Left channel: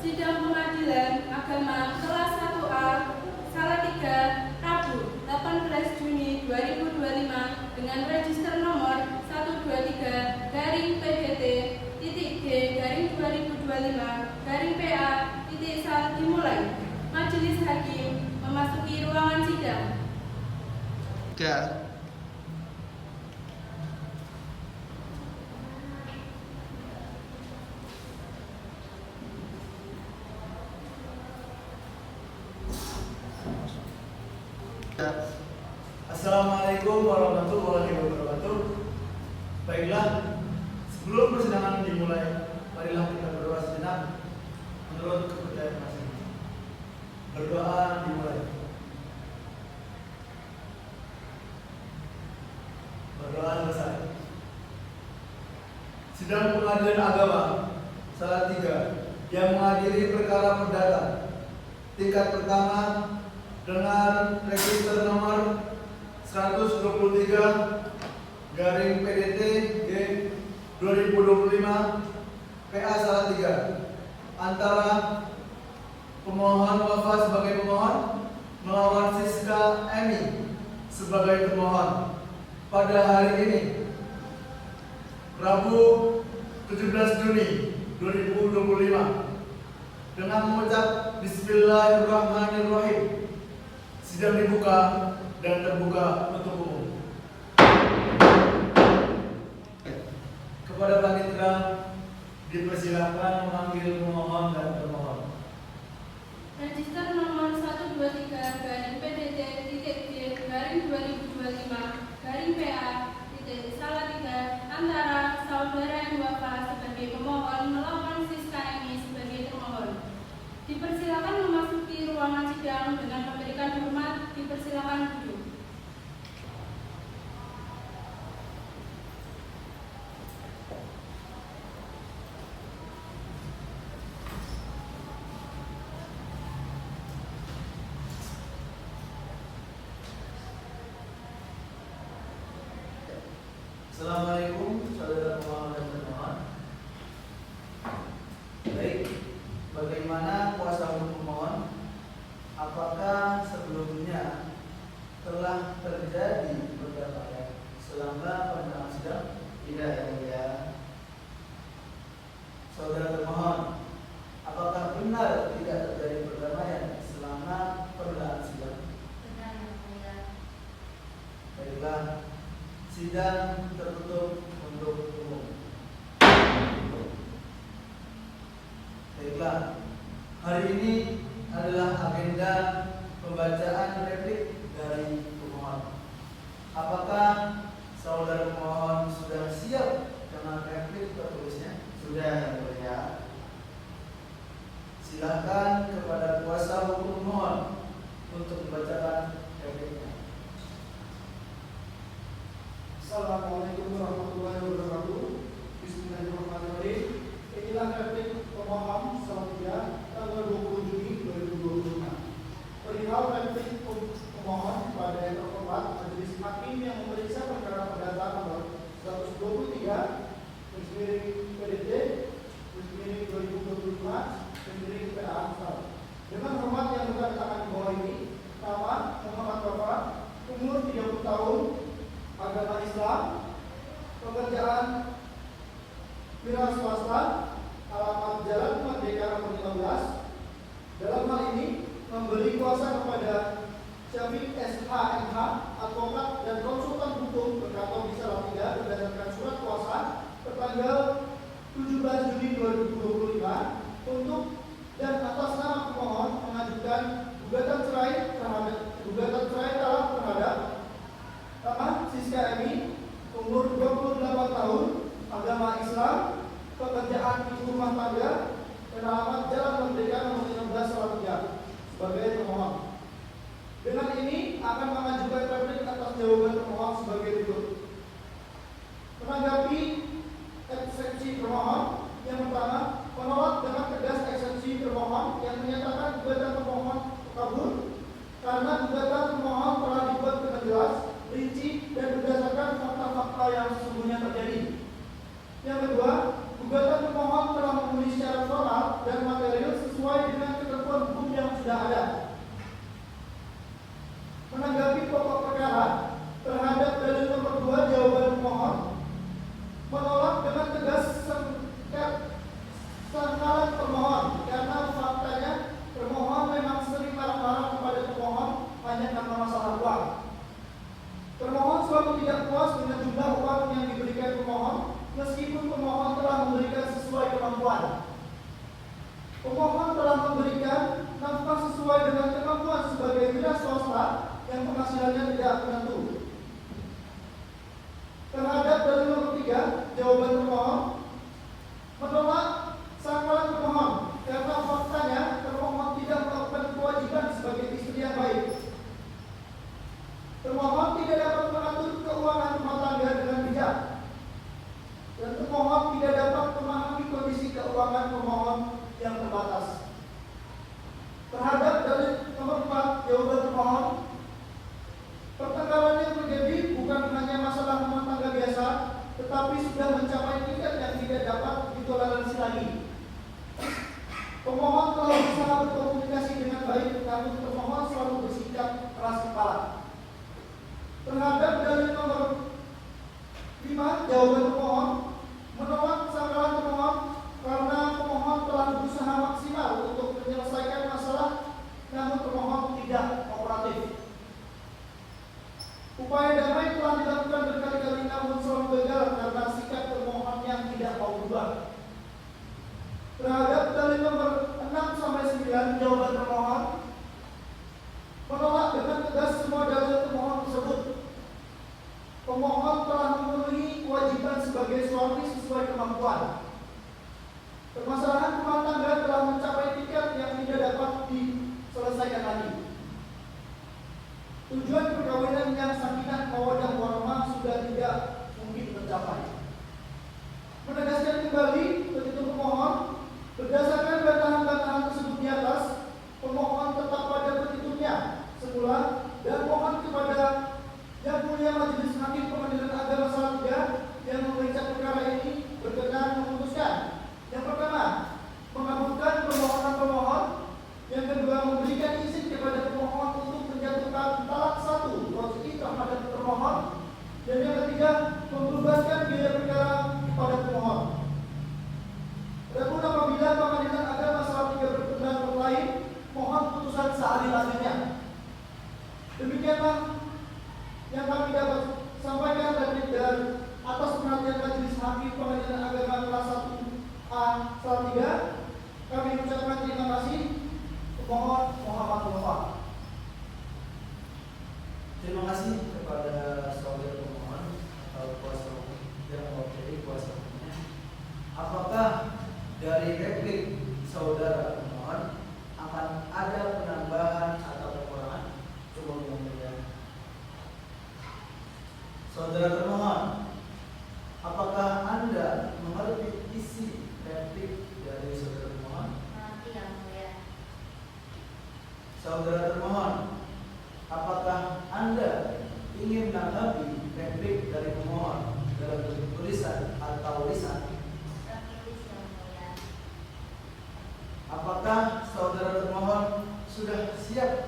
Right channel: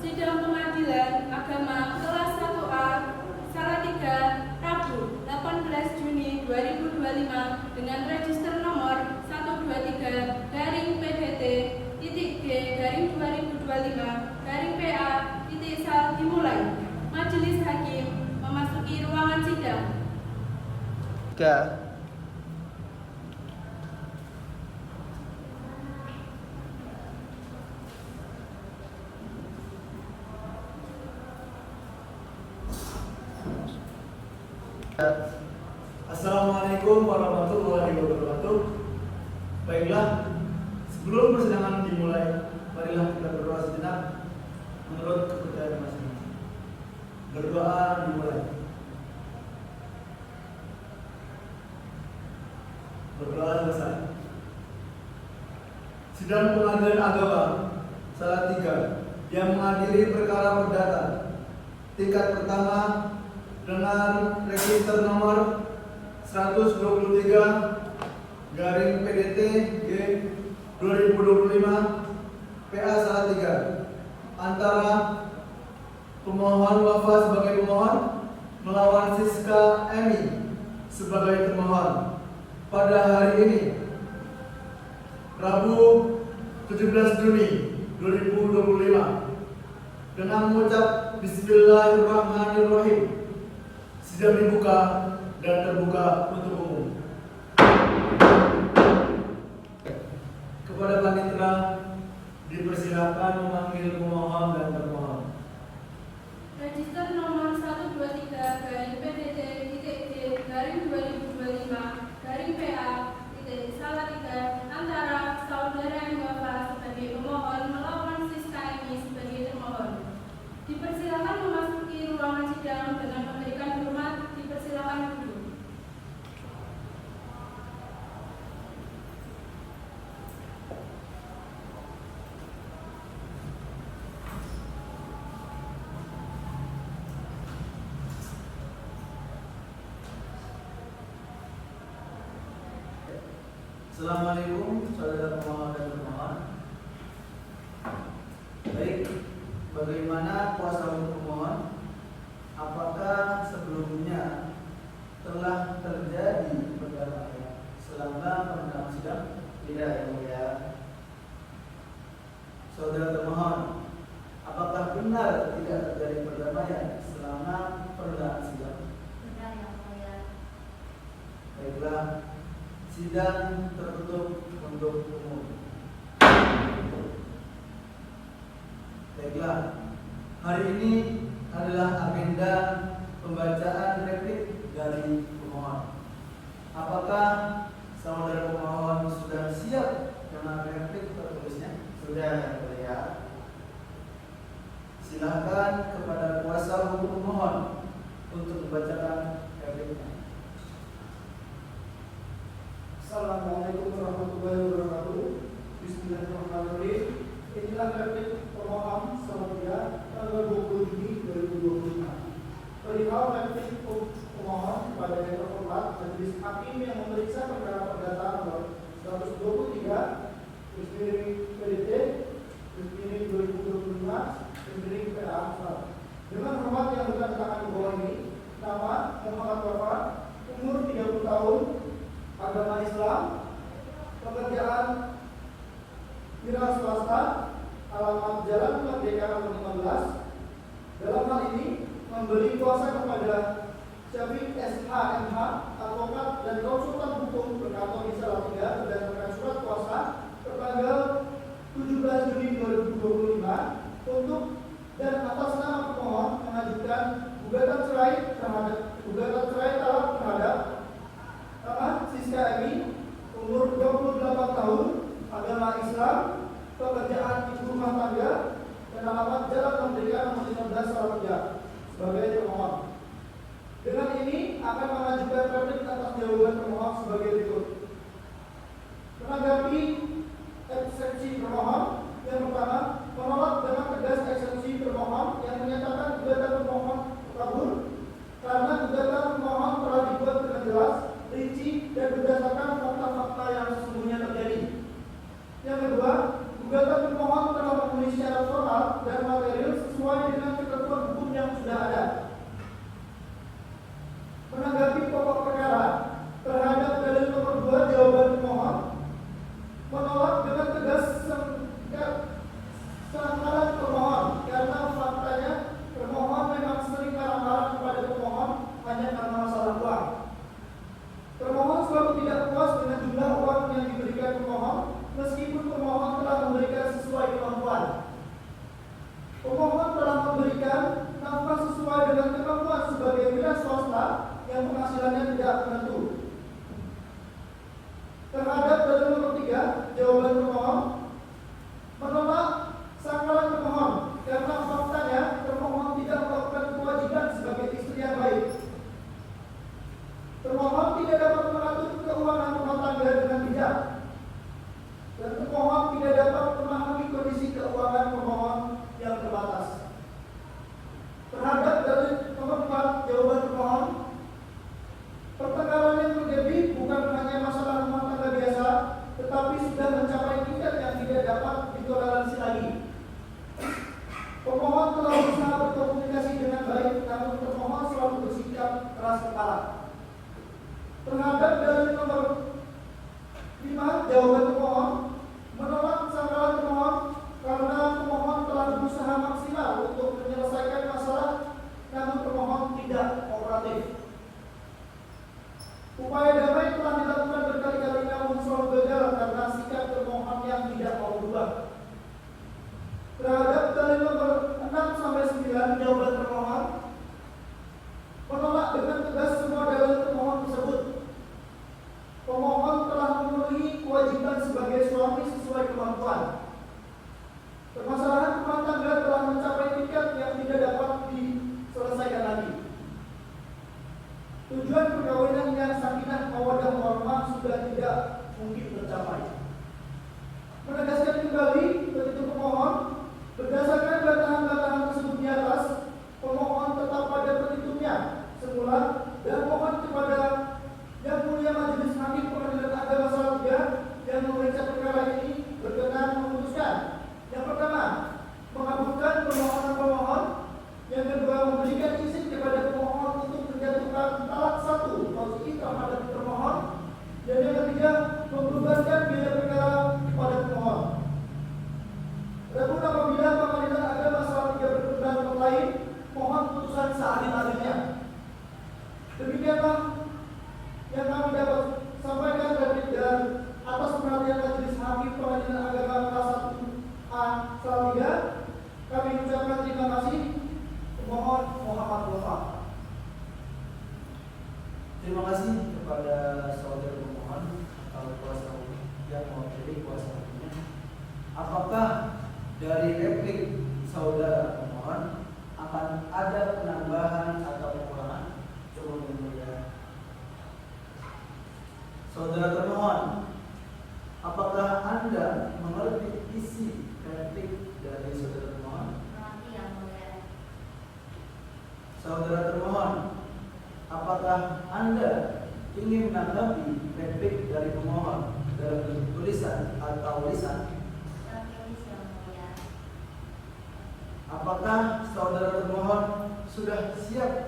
Sidang Pengadilan Agama kelas 1A Salatiga, Rabu 18 Juni 2025 dengan register nomor 123-G/2025-PA.Sal dimulai. Majelis Hakim memasuki ruangan sidang. Assalamualaikum warahmatullahi wabarakatuh. Baiklah, sebelum persidangan dimulai, marilah kita berdoa sejenak menurut kepercayaan masing-masing. Berdoa dimulai. Berdoa selesai. Sidang Pengadilan Agama Salatiga yang mengadili perkara perdata tingkat pertama dengan register nomor 123/PDT-G/2025 PA Salatiga antara pemohon Wafa sebagai pemohon melawan Siska Emi sebagai pemohon pada hari ini Rabu 17 Juni 2025 dengan mengucap Bismillahirrahmanirrahim. Sidang dibuka dan terbuka untuk umum. Kepada panitera dipersilakan memanggil pemohon dan termohon. Register nomor 123/PDT-G/2025-PA.Salatiga antara saudara M. Wafa sebagai pemohon melawan Siska Emi sebagai termohon. Dipersilakan memasuki ruangan sidang dengan memberikan hormat. Dipersilakan duduk. Assalamualaikum saudara pemohon dan termohon. Baik, bagaimana kuasa hukum pemohon? Apakah sebelumnya telah terjadi perkara selama pernah sidang? Tidak, ya. Saudara termohon, apakah benar tidak terjadi perdamaian selama pernah sidang? Benar, yang mulia. Baiklah, sidang tertutup untuk umum. Baiklah, hari ini adalah agenda pembacaan replik dari pemohon. Apakah saudara pemohon sudah siap dengan replik tertulisnya? Sudah, ya. Silakan kepada kuasa hukum pemohon untuk membacakan repliknya. Assalamualaikum warahmatullahi wabarakatuh. Bismillahirrahmanirrahim. Inilah replik pemohon Salatiga tanggal 20 Juni 2025. Perihal replik pemohon pada yang terhormat Majelis Hakim yang memeriksa perkara perdata nomor 123 PDT 2025 PA. Dengan hormat yang dibacakan di bawah ini, nama Muhammad Wafa, umur 30 tahun, agama Islam, pekerjaan wira swasta, alamat Jalan Merdeka nomor 15. Dalam hal ini memberi kuasa kepada Syafiq SHMH, advokat dan konsultan hukum berkantor di Salatiga berdasarkan surat kuasa tertanggal 17 Juni 2025 untuk dan atas nama pemohon mengajukan gugatan cerai talak terhadap Siska Emi, umur 28 tahun, agama Islam, pekerjaan ibu rumah tangga, dan alamat Jalan Merdeka nomor 15 Salatiga sebagai termohon. Dengan ini akan mengajukan replik atas jawaban termohon sebagai berikut. Menanggapi eksepsi termohon, yang pertama, menolak dengan tegas eksepsi termohon yang menyatakan gugatan termohon kabur karena gugatan termohon telah dibuat dengan jelas, rinci, dan berdasarkan fakta-fakta yang sesungguhnya terjadi. Yang kedua, gugatan termohon telah memenuhi syarat formal dan material sesuai dengan ketentuan hukum yang sudah ada. Menanggapi pokok perkara terhadap dalil nomor 2, jawaban pemohon menolak dengan tegas sangkalan pemohon karena faktanya termohon memang sering marah-marah kepada pemohon hanya karena masalah uang. Termohon selalu tidak puas dengan jumlah uang yang diberikan pemohon meskipun pemohon telah memberikan sesuai kemampuan. Pemohon telah memberikan nafkah sesuai dengan kemampuan sebagai wira swasta yang penghasilannya tidak menentu. Terhadap dalil nomor 3, jawaban pemohon menolak sangkalan pemohon karena faktanya termohon tidak melakukan kewajiban sebagai istri yang baik. Termohon tidak dapat mengatur keuangan rumah tangga dengan bijak, dan termohon tidak dapat memahami kondisi keuangan pemohon yang terbatas. Terhadap dalil nomor 4, jawaban pemohon, pertengkaran yang terjadi bukan hanya masalah rumah tangga biasa, tetapi sudah mencapai tingkat yang tidak dapat ditoleransi lagi. Pemohon telah berusaha berkomunikasi dengan baik, namun termohon selalu bersikap keras kepala. Terhadap dalil nomor 5, jawaban pemohon menolak sangkalan pemohon karena pemohon telah berusaha maksimal untuk menyelesaikan masalah, namun pemohon tidak kooperatif. Upaya damai telah dilakukan berkali-kali namun selalu gagal karena sikap termohon yang tidak mau berubah. Terhadap dalil nomor 6 sampai 9, jawaban termohon menolak dengan tegas semua dalil termohon tersebut. Pemohon telah memenuhi kewajiban sebagai suami sesuai kemampuan. Permasalahan rumah tangga telah mencapai tingkat yang tidak dapat diselesaikan lagi. Tujuan perkawinan yang sakinah mawaddah warahmah sudah tidak mungkin tercapai. Menegaskan kembali petitum pemohon, berdasarkan bantahan-bantahan tersebut di atas, pemohon tetap pada petitumnya semula dan mohon kepada Yang Mulia Majelis Hakim Pengadilan Agama Salatiga yang memeriksa perkara ini berkenan memutuskan: yang pertama, mengabulkan permohonan pemohon; yang kedua, memberikan izin kepada pemohon untuk menjatuhkan talak 1 positif terhadap termohon; dan yang ketiga, membebankan biaya perkara kepada pemohon. Adapun apabila Pengadilan Agama Salatiga berpendapat lain, mohon putusan seadil-adilnya. Demikianlah yang kami dapat sampaikan dari atas perhatian Majelis Hakim Pengadilan Agama kelas 1A Salatiga. Kami mengucapkan terima kasih. Mohon Muhammad Wafa. Terima kasih kepada saudara pemohon atau kuasa hukum yang mewakili kuasa hukumnya. Apakah dari replik saudara pemohon akan ada penambahan atau pengurangan? Coba mengulangi. Saudara termohon, apakah Anda mengerti isi replik dari saudara termohon? Mengerti, Yang Mulia. Saudara termohon, apakah Anda ingin menanggapi replik dari pemohon dalam bentuk tulisan atau lisan? Tertulis, Yang Mulia. Apakah saudara termohon sudah siap